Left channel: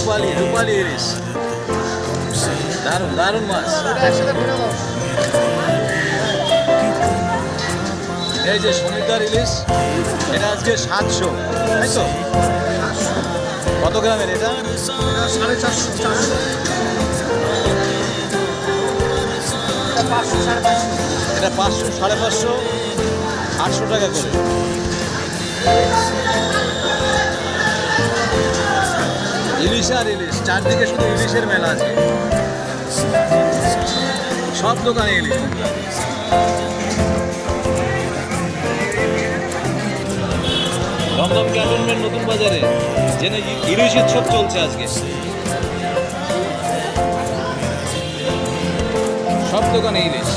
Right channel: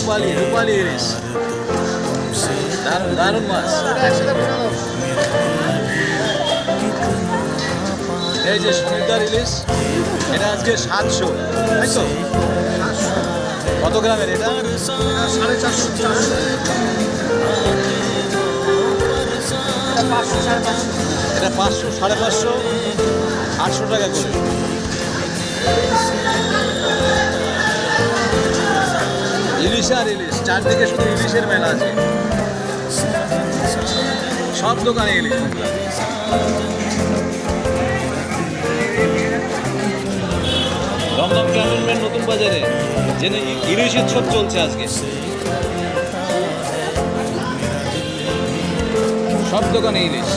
রূপালি রূপালি ইলিশ, দারুণ দারুণ মাছ। এই যে সমুদ্র ইলিশ, এটা আজকে 700, তাই তো? কত গ্রামের এটা? 450, এটা 500, 550, 800 টাকা করে। ইলিশ আর ইলিশ, চারদিকে শুধু ইলিশের মেলা আছে, সব দোকানে ইলিশ। দমদম ক্যান্টনমেন্ট নতুন বাজারে যেন ইলিশ উৎসব চলছে আজকে, সব দোকানে ইলিশ।